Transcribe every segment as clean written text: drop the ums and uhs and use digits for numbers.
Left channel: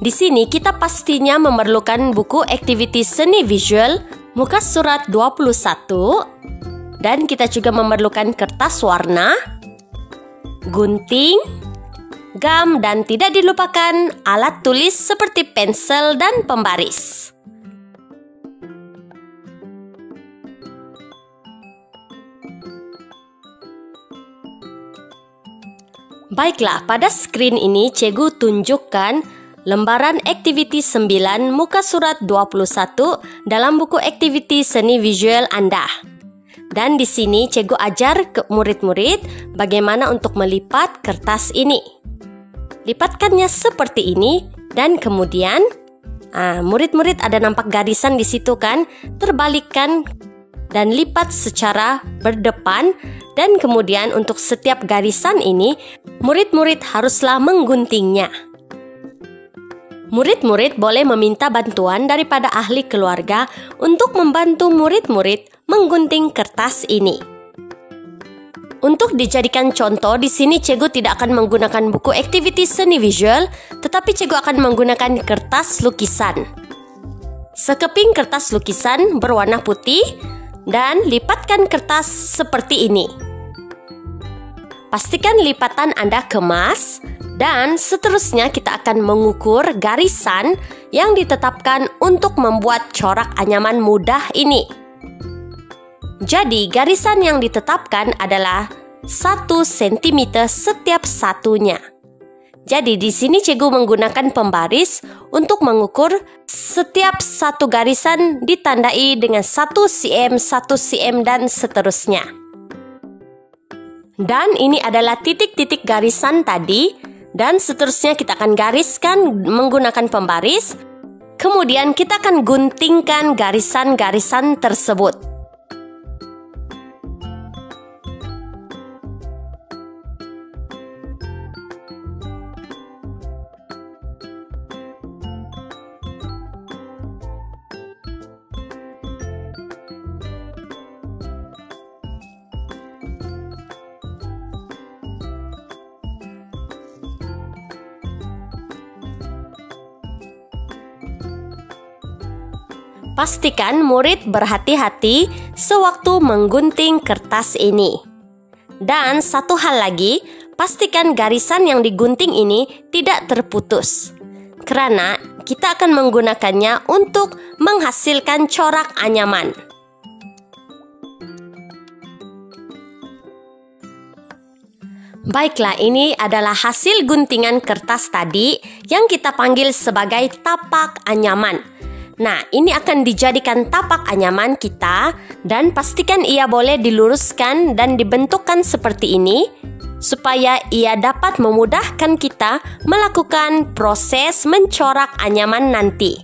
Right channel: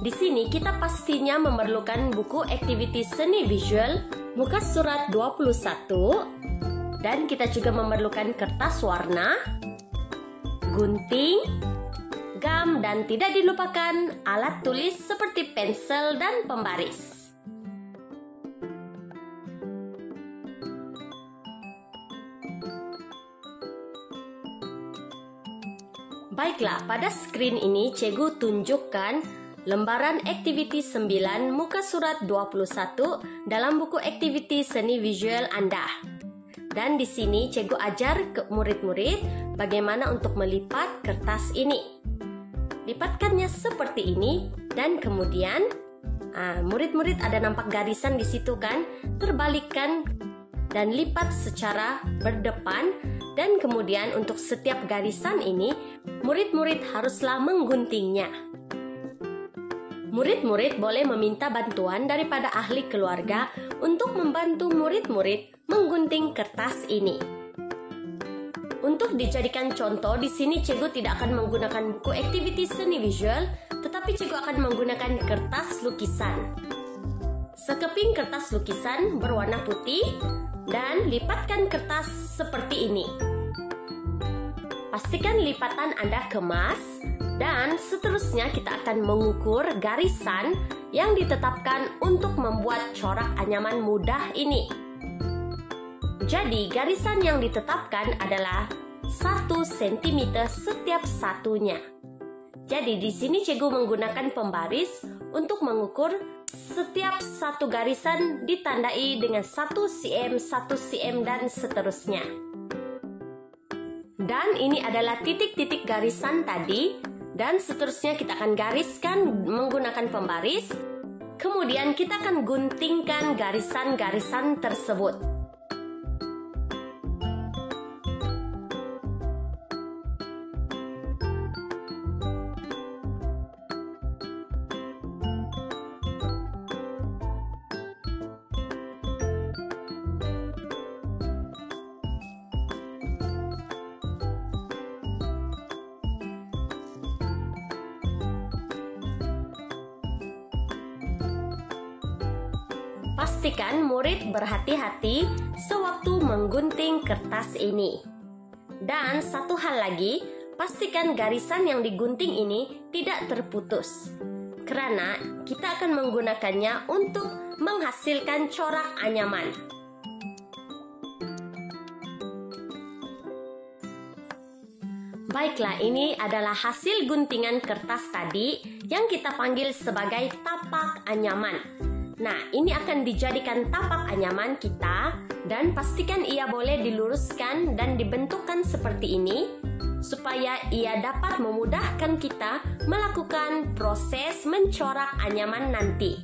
Di sini kita pastinya memerlukan buku aktiviti seni visual muka surat 21 dan kita juga memerlukan kertas warna, gunting, gam, dan tidak dilupakan alat tulis seperti pensel dan pembaris. Baiklah, pada screen ini Cikgu tunjukkan lembaran aktiviti 9 muka surat 21 dalam buku aktiviti seni visual Anda. Dan di sini Cikgu ajar ke murid-murid bagaimana untuk melipat kertas ini. Lipatkannya seperti ini dan kemudian murid-murid ada nampak garisan di situ kan? Terbalikkan dan lipat secara berdepan, dan kemudian untuk setiap garisan ini murid-murid haruslah mengguntingnya. Murid-murid boleh meminta bantuan daripada ahli keluarga untuk membantu murid-murid menggunting kertas ini. Untuk dijadikan contoh, di sini Cikgu tidak akan menggunakan buku aktiviti seni visual, tetapi Cikgu akan menggunakan kertas lukisan. Sekeping kertas lukisan berwarna putih dan lipatkan kertas seperti ini. Pastikan lipatan Anda kemas dan seterusnya kita akan mengukur garisan yang ditetapkan untuk membuat corak anyaman mudah ini. Jadi garisan yang ditetapkan adalah 1 cm setiap satunya. Jadi di sini Cikgu menggunakan pembaris untuk mengukur setiap satu garisan ditandai dengan 1 cm, 1 cm dan seterusnya. Dan ini adalah titik-titik garisan tadi dan seterusnya kita akan gariskan menggunakan pembaris. Kemudian kita akan guntingkan garisan-garisan tersebut. Pastikan murid berhati-hati sewaktu menggunting kertas ini. Dan satu hal lagi, pastikan garisan yang digunting ini tidak terputus. Karena kita akan menggunakannya untuk menghasilkan corak anyaman. Baiklah, ini adalah hasil guntingan kertas tadi yang kita panggil sebagai tapak anyaman. Nah, ini akan dijadikan tapak anyaman kita dan pastikan ia boleh diluruskan dan dibentukkan seperti ini supaya ia dapat memudahkan kita melakukan proses mencorak anyaman nanti.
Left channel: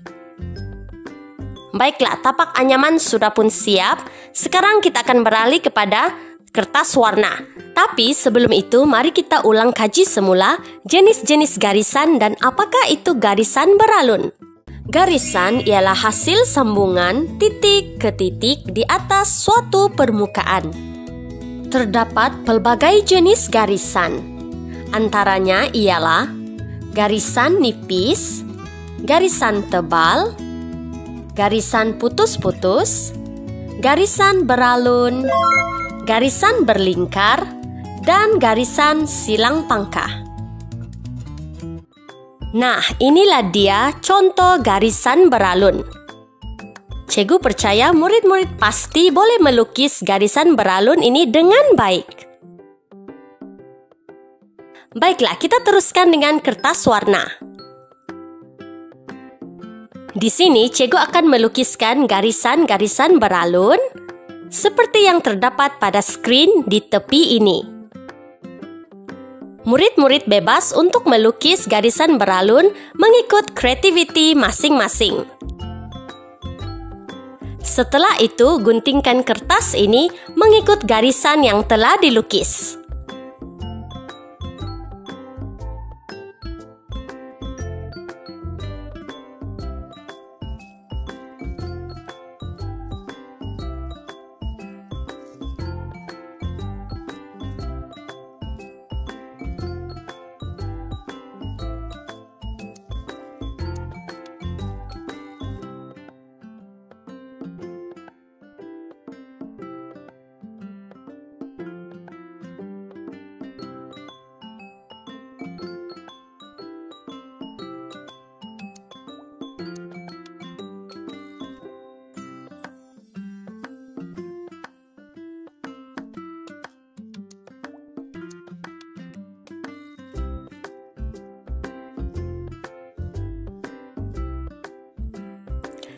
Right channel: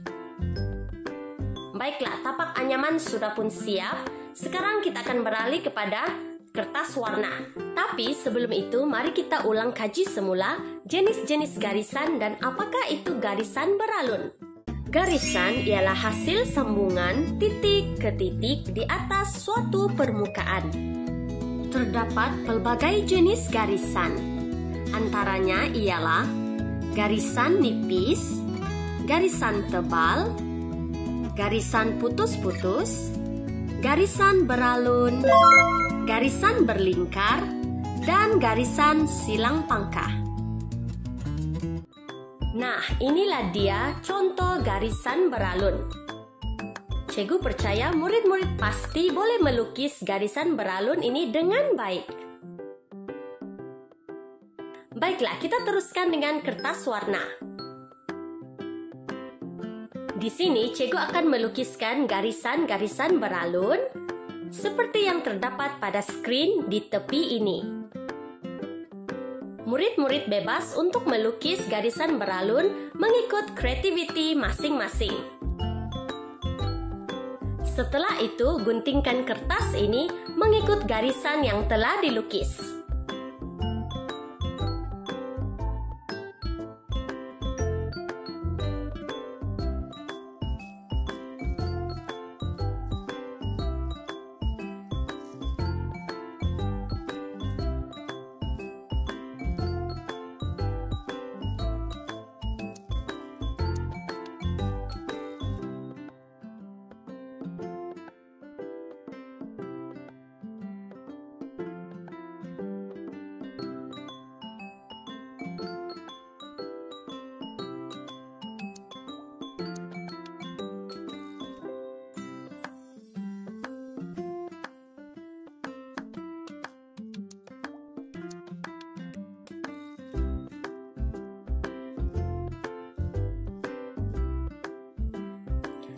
Baiklah, tapak anyaman sudah pun siap. Sekarang kita akan beralih kepada kertas warna. Tapi sebelum itu, mari kita ulang kaji semula jenis-jenis garisan dan apakah itu garisan beralun. Garisan ialah hasil sambungan titik ke titik di atas suatu permukaan. Terdapat pelbagai jenis garisan. Antaranya ialah garisan nipis, garisan tebal, garisan putus-putus, garisan beralun, garisan berlingkar, dan garisan silang pangkah. Nah, inilah dia contoh garisan beralun. Cikgu percaya murid-murid pasti boleh melukis garisan beralun ini dengan baik. Baiklah, kita teruskan dengan kertas warna. Di sini, Cikgu akan melukiskan garisan-garisan beralun seperti yang terdapat pada screen di tepi ini. Murid-murid bebas untuk melukis garisan beralun mengikut kreativiti masing-masing. Setelah itu, guntingkan kertas ini mengikut garisan yang telah dilukis.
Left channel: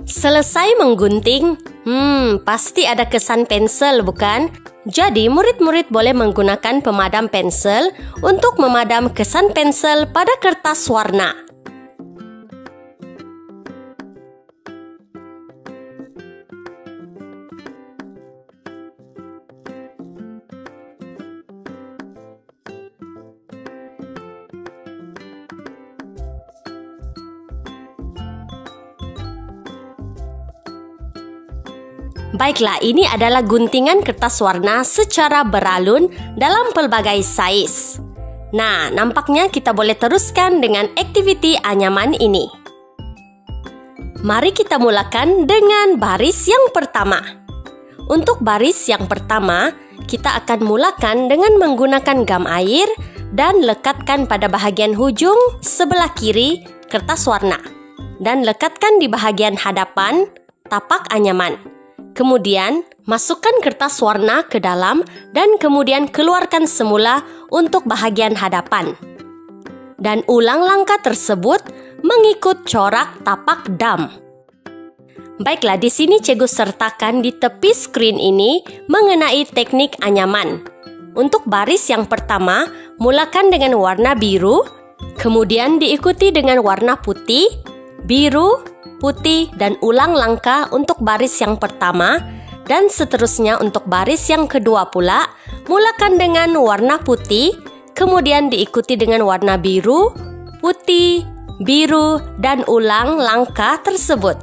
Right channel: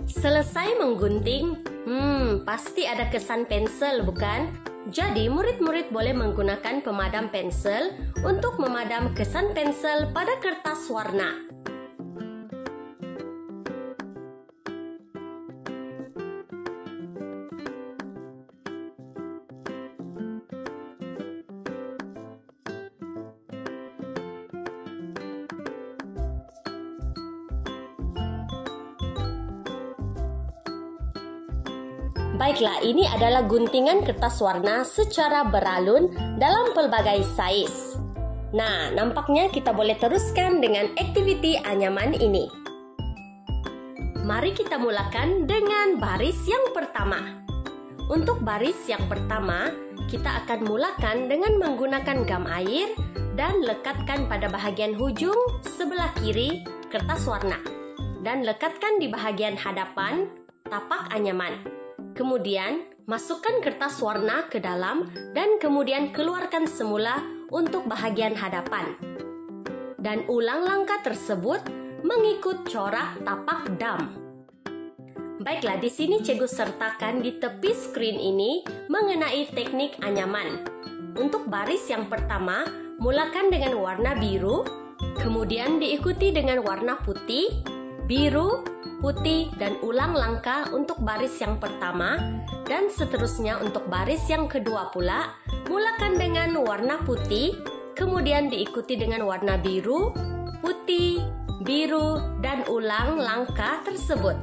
Selesai menggunting, pasti ada kesan pensel, bukan? Jadi murid-murid boleh menggunakan pemadam pensel untuk memadam kesan pensel pada kertas warna. Baiklah, ini adalah guntingan kertas warna secara beralun dalam pelbagai saiz. Nah, nampaknya kita boleh teruskan dengan aktiviti anyaman ini. Mari kita mulakan dengan baris yang pertama. Untuk baris yang pertama, kita akan mulakan dengan menggunakan gam air dan lekatkan pada bahagian hujung sebelah kiri kertas warna. Dan lekatkan di bahagian hadapan tapak anyaman. Kemudian, masukkan kertas warna ke dalam dan kemudian keluarkan semula untuk bahagian hadapan. Dan ulang langkah tersebut mengikut corak tapak dam. Baiklah, di sini cikgu sertakan di tepi screen ini mengenai teknik anyaman. Untuk baris yang pertama, mulakan dengan warna biru, kemudian diikuti dengan warna putih, biru, putih, dan ulang langkah untuk baris yang pertama, dan seterusnya untuk baris yang kedua pula, mulakan dengan warna putih, kemudian diikuti dengan warna biru, putih, biru, dan ulang langkah tersebut.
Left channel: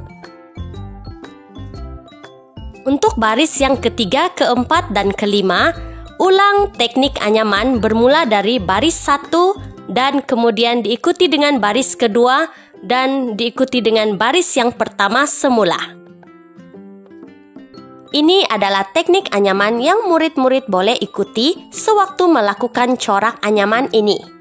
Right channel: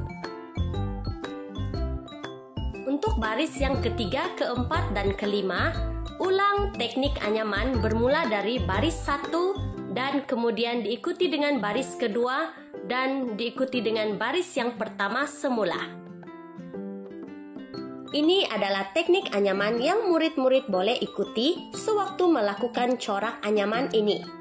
Untuk baris yang ketiga, keempat, dan kelima, ulang teknik anyaman bermula dari baris 1 dan kemudian diikuti dengan baris kedua dan diikuti dengan baris yang pertama semula. Ini adalah teknik anyaman yang murid-murid boleh ikuti sewaktu melakukan corak anyaman ini.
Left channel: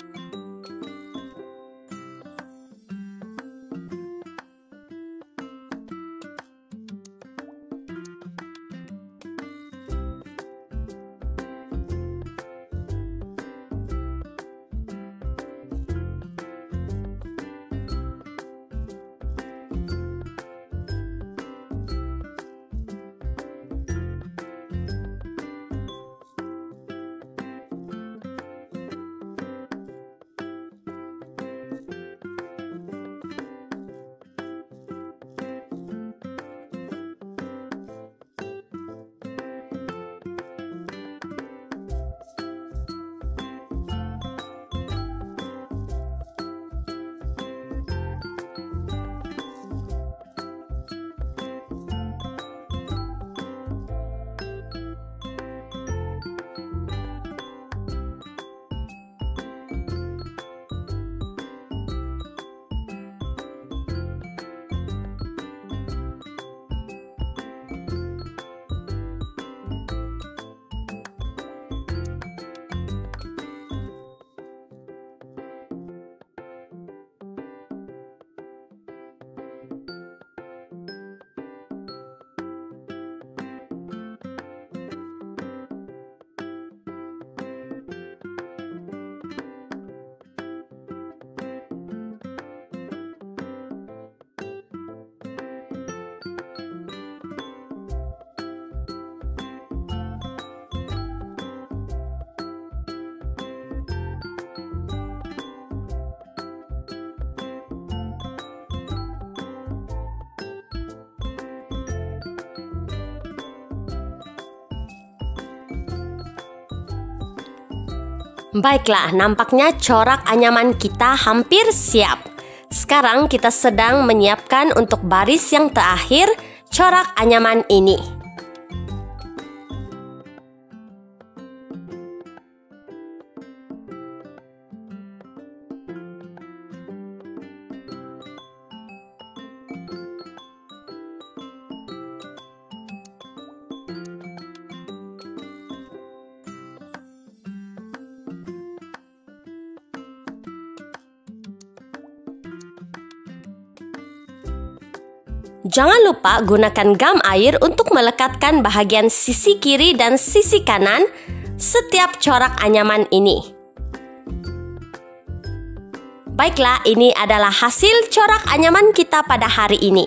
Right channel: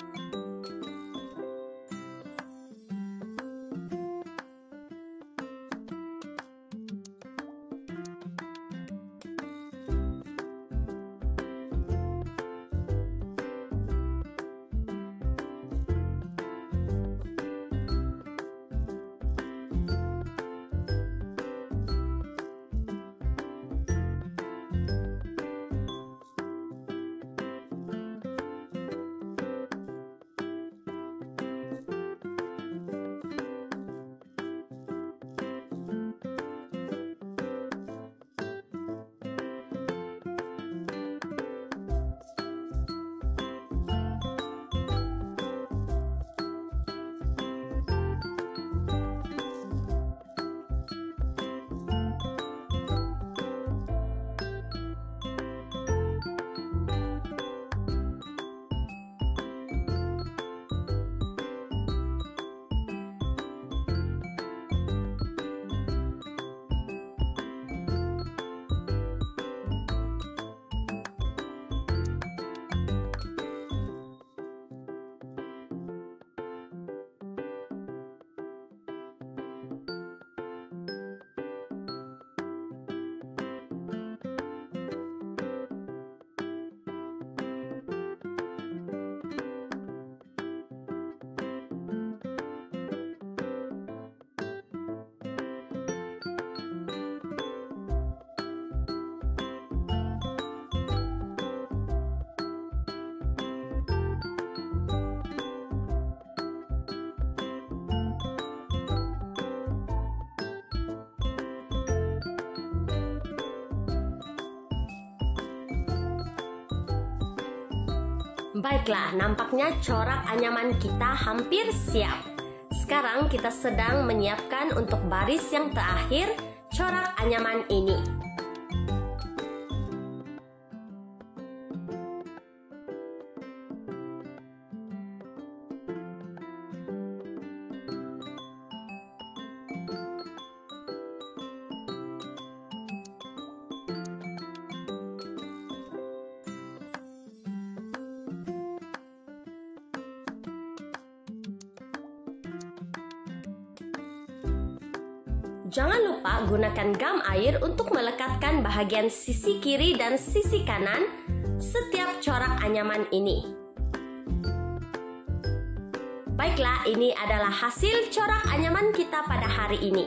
Baiklah, nampaknya corak anyaman kita hampir siap. Sekarang kita sedang menyiapkan untuk baris yang terakhir corak anyaman ini. Jangan lupa gunakan gam air untuk melekatkan bahagian sisi kiri dan sisi kanan setiap corak anyaman ini. Baiklah, ini adalah hasil corak anyaman kita pada hari ini.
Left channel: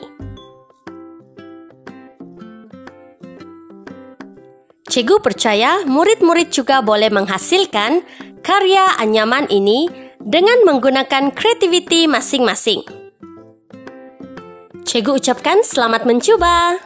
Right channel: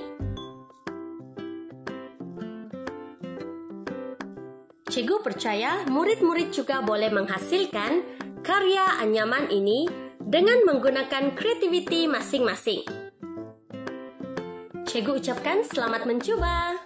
Cikgu percaya murid-murid juga boleh menghasilkan karya anyaman ini dengan menggunakan kreativiti masing-masing. Cikgu ucapkan selamat mencuba.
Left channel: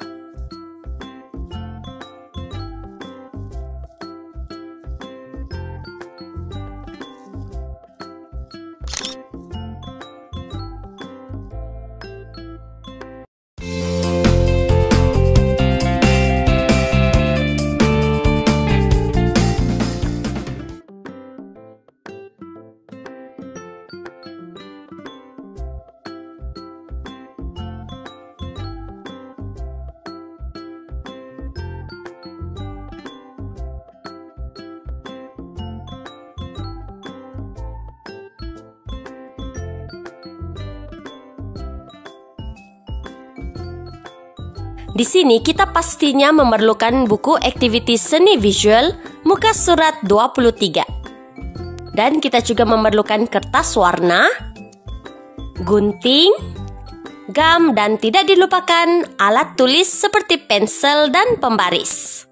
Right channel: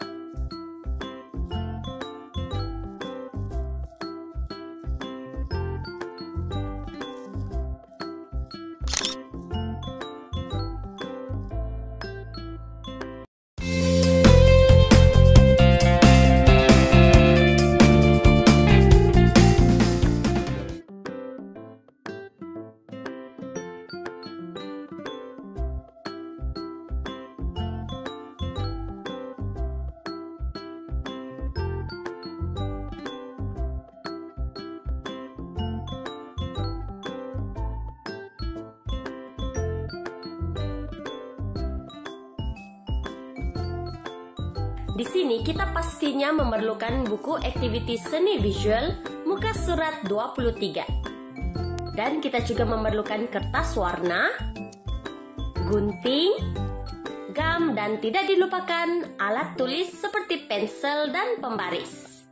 Di sini kita pastinya memerlukan buku aktiviti seni visual muka surat 23. Dan kita juga memerlukan kertas warna, gunting, gam, dan tidak dilupakan alat tulis seperti pensel dan pembaris.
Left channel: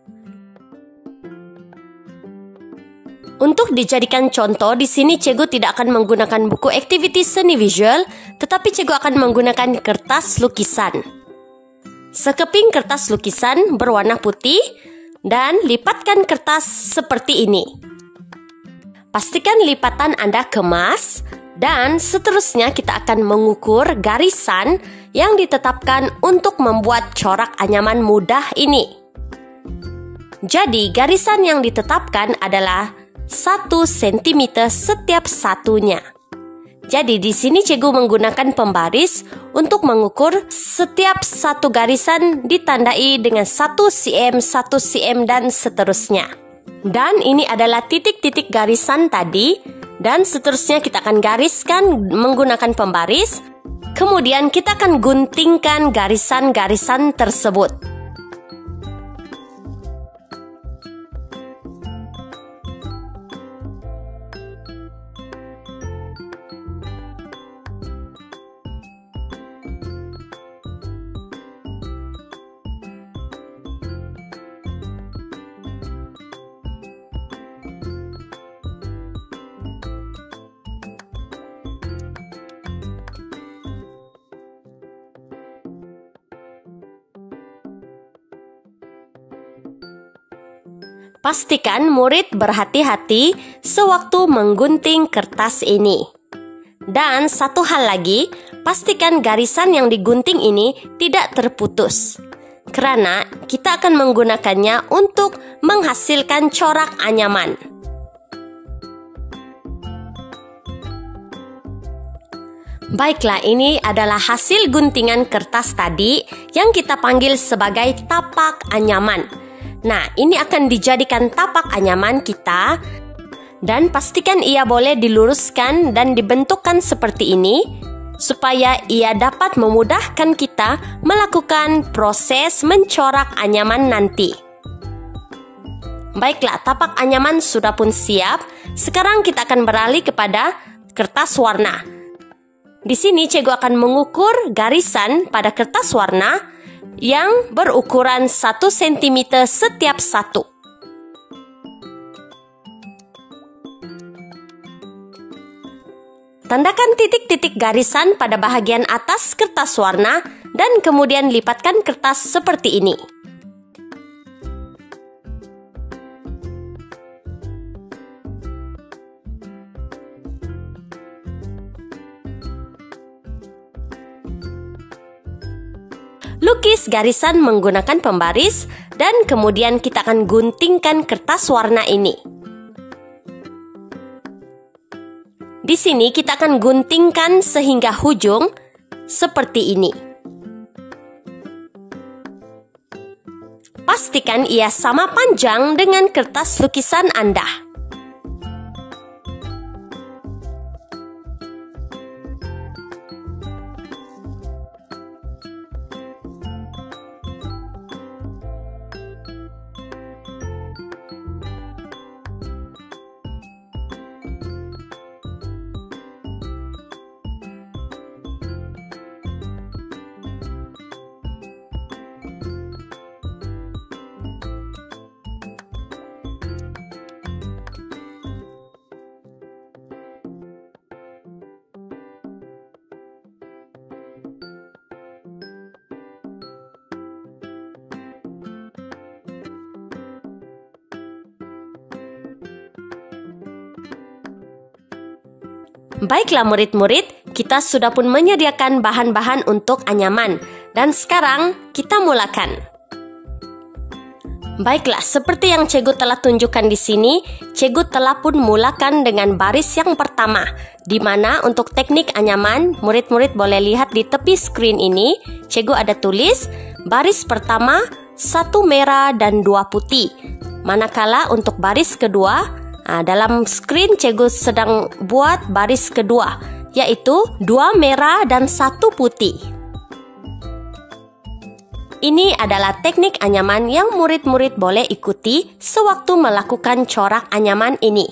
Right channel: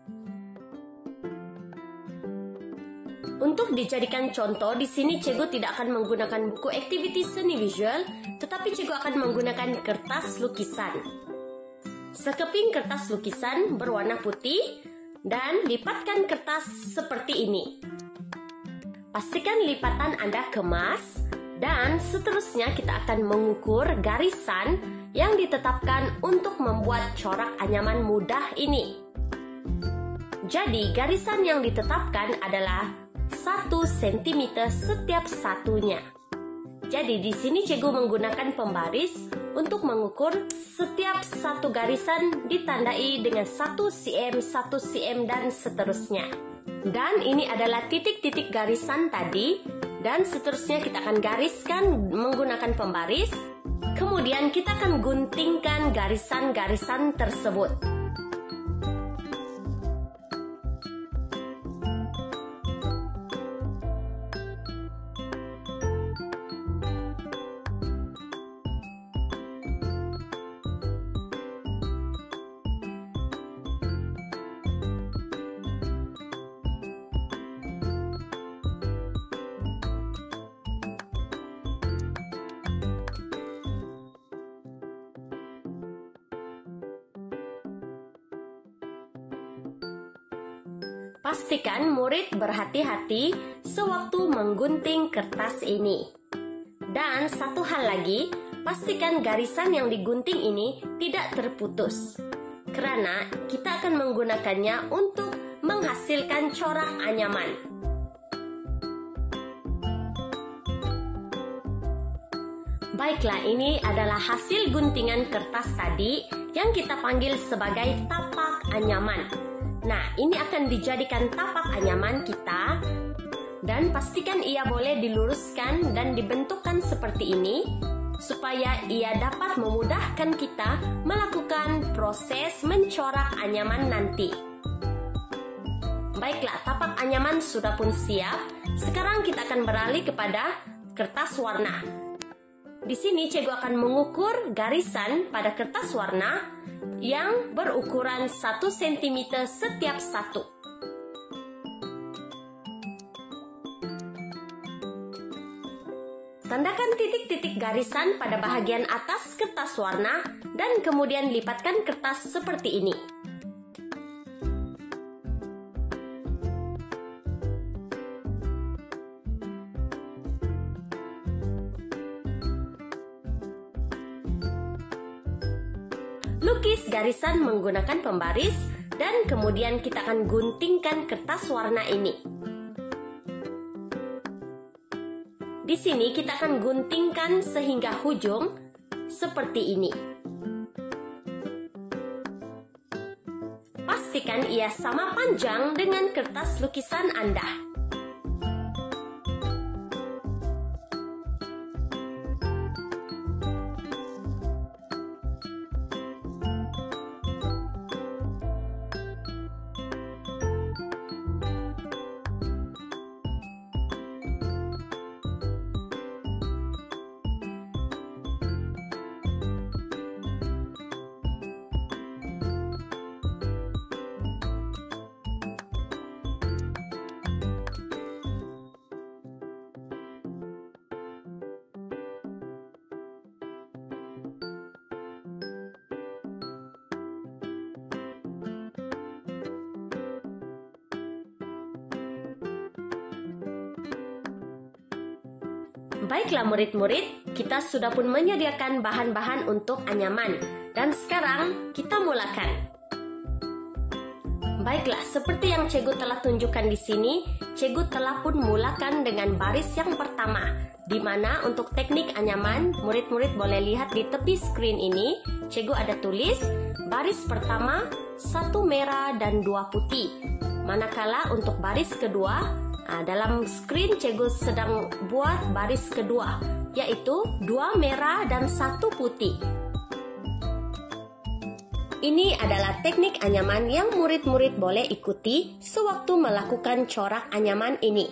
Untuk dijadikan contoh, di sini cikgu tidak akan menggunakan buku aktiviti seni visual, tetapi cikgu akan menggunakan kertas lukisan. Sekeping kertas lukisan berwarna putih dan lipatkan kertas seperti ini. Pastikan lipatan Anda kemas dan seterusnya kita akan mengukur garisan yang ditetapkan untuk membuat corak anyaman mudah ini. Jadi garisan yang ditetapkan adalah 1 cm setiap satunya. Jadi di sini cikgu menggunakan pembaris untuk mengukur setiap satu garisan ditandai dengan 1 cm, 1 cm dan seterusnya. Dan ini adalah titik-titik garisan tadi dan seterusnya kita akan gariskan menggunakan pembaris. Kemudian kita akan guntingkan garisan-garisan tersebut. Pastikan murid berhati-hati sewaktu menggunting kertas ini. Dan satu hal lagi, pastikan garisan yang digunting ini tidak terputus. Karena kita akan menggunakannya untuk menghasilkan corak anyaman. Baiklah, ini adalah hasil guntingan kertas tadi yang kita panggil sebagai tapak anyaman. Nah, ini akan dijadikan tapak anyaman kita dan pastikan ia boleh diluruskan dan dibentukkan seperti ini supaya ia dapat memudahkan kita melakukan proses mencorak anyaman nanti. Baiklah, tapak anyaman sudah pun siap. Sekarang kita akan beralih kepada kertas warna. Di sini cikgu akan mengukur garisan pada kertas warna yang berukuran 1 cm setiap satu. Tandakan titik-titik garisan pada bahagian atas kertas warna dan kemudian lipatkan kertas seperti ini. Lukis garisan menggunakan pembaris dan kemudian kita akan guntingkan kertas warna ini. Di sini kita akan guntingkan sehingga hujung seperti ini. Pastikan ia sama panjang dengan kertas lukisan Anda. Baiklah murid-murid, kita sudah pun menyediakan bahan-bahan untuk anyaman. Dan sekarang kita mulakan. Baiklah, seperti yang Cikgu telah tunjukkan di sini, Cikgu telah pun mulakan dengan baris yang pertama, di mana untuk teknik anyaman, murid-murid boleh lihat di tepi screen ini, Cikgu ada tulis baris pertama 1 merah dan 2 putih. Manakala untuk baris kedua, dalam screen Cikgu sedang buat baris kedua, yaitu 2 merah dan 1 putih. Ini adalah teknik anyaman yang murid-murid boleh ikuti sewaktu melakukan corak anyaman ini.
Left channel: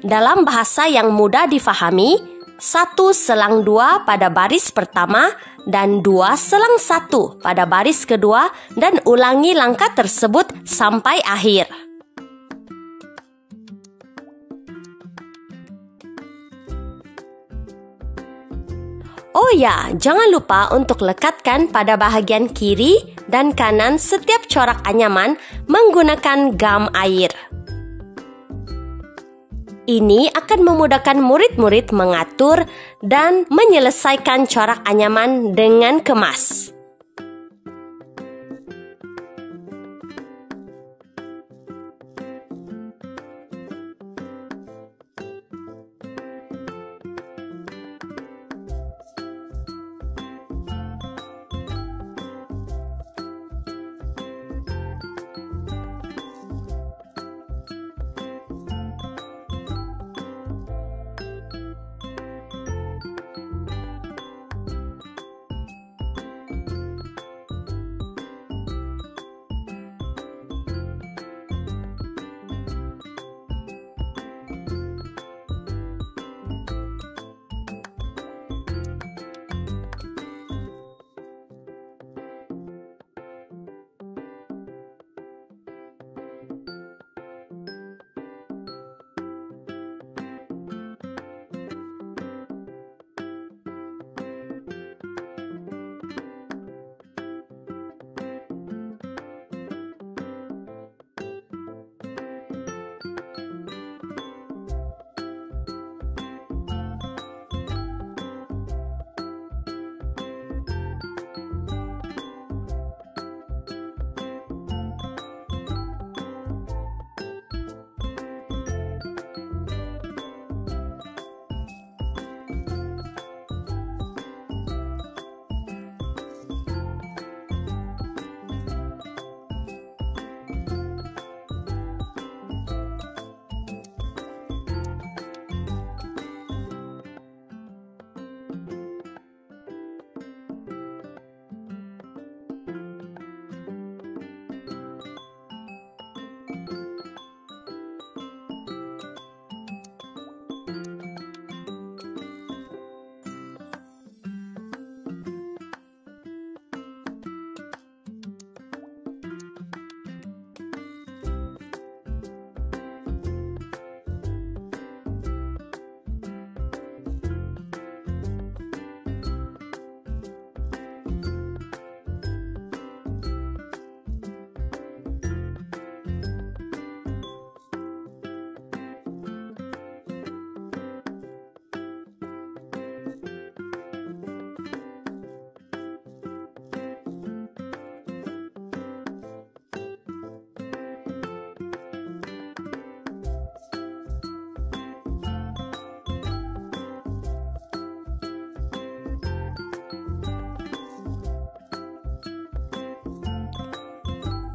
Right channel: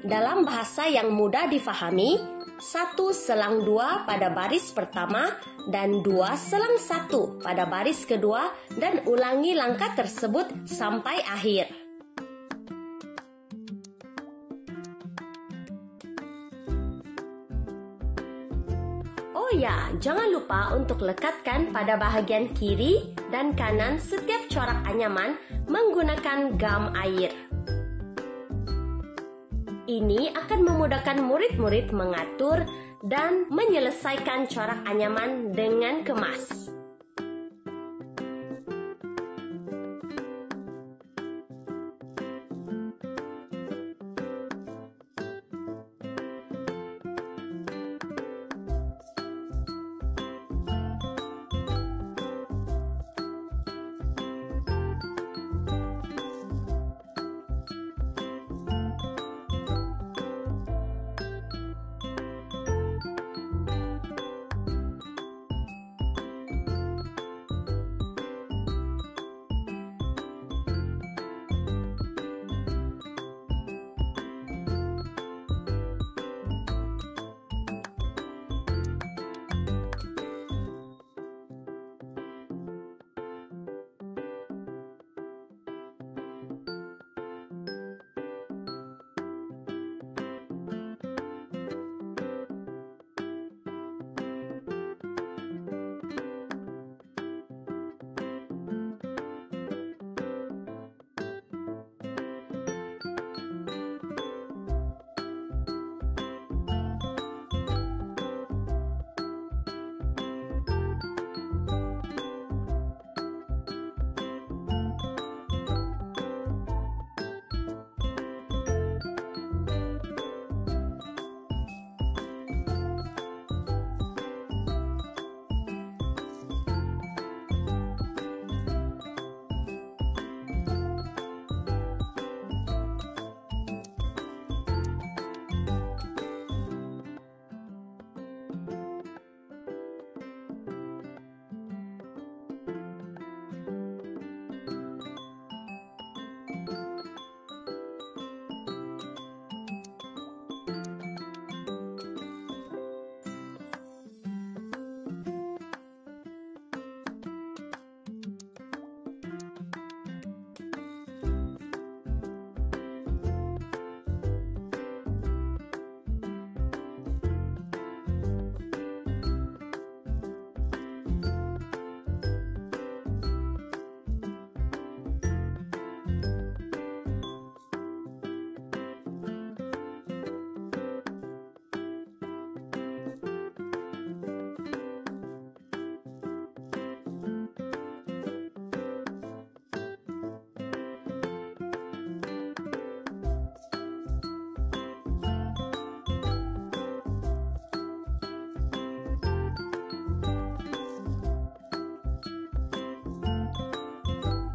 Dalam bahasa yang mudah difahami, 1/2 pada baris pertama dan 2/1 pada baris kedua, dan ulangi langkah tersebut sampai akhir. Oh ya, jangan lupa untuk lekatkan pada bahagian kiri dan kanan setiap corak anyaman menggunakan gam air. Ini akan memudahkan murid-murid mengatur dan menyelesaikan corak anyaman dengan kemas.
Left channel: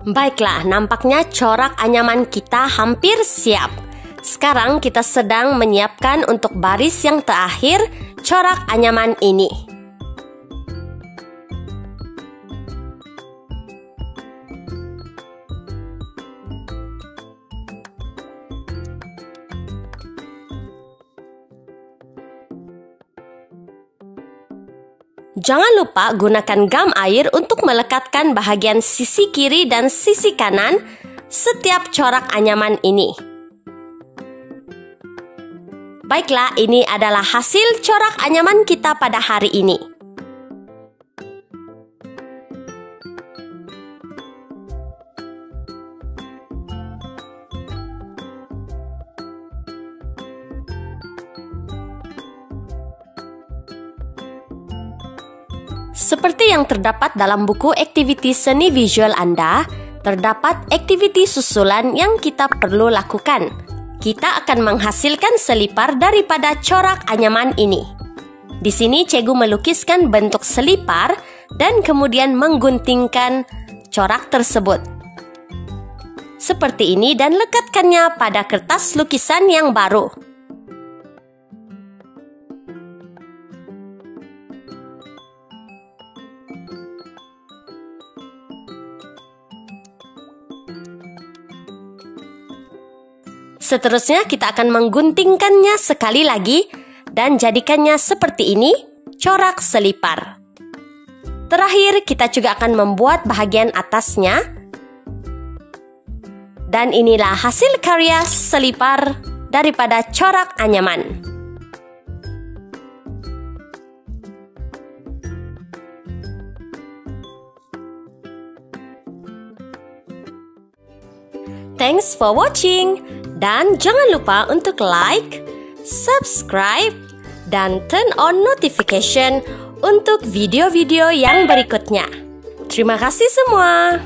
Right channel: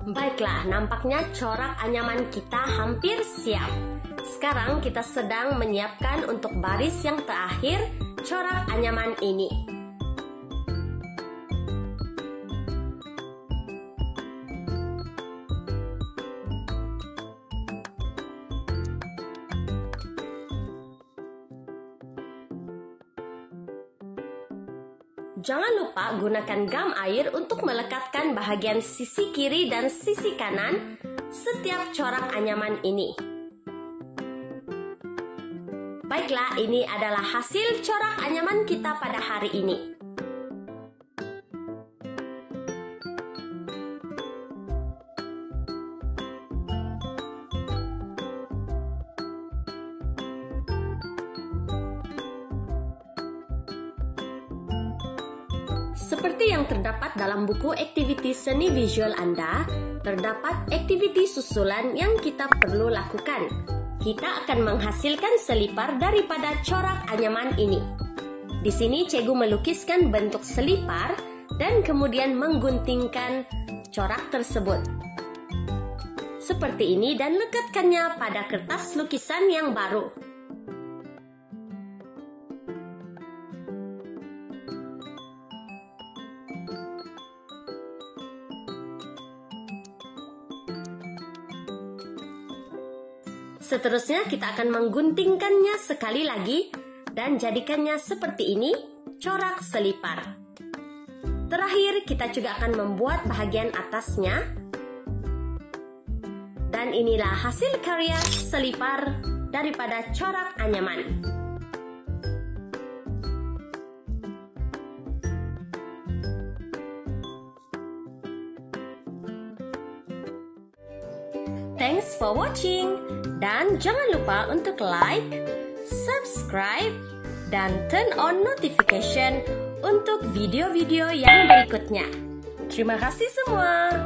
Baiklah, nampaknya corak anyaman kita hampir siap. Sekarang kita sedang menyiapkan untuk baris yang terakhir corak anyaman ini. Jangan lupa gunakan gam air untuk melekatkan bahagian sisi kiri dan sisi kanan setiap corak anyaman ini. Baiklah, ini adalah hasil corak anyaman kita pada hari ini. Seperti yang terdapat dalam buku aktiviti seni visual Anda, terdapat aktiviti susulan yang kita perlu lakukan. Kita akan menghasilkan selipar daripada corak anyaman ini. Di sini cikgu melukiskan bentuk selipar dan kemudian mengguntingkan corak tersebut. Seperti ini dan lekatkannya pada kertas lukisan yang baru. Seterusnya kita akan mengguntingkannya sekali lagi dan jadikannya seperti ini, corak selipar. Terakhir kita juga akan membuat bahagian atasnya. Dan inilah hasil karya selipar daripada corak anyaman. Thanks for watching. Dan jangan lupa untuk like, subscribe, dan turn on notification untuk video-video yang berikutnya. Terima kasih semua.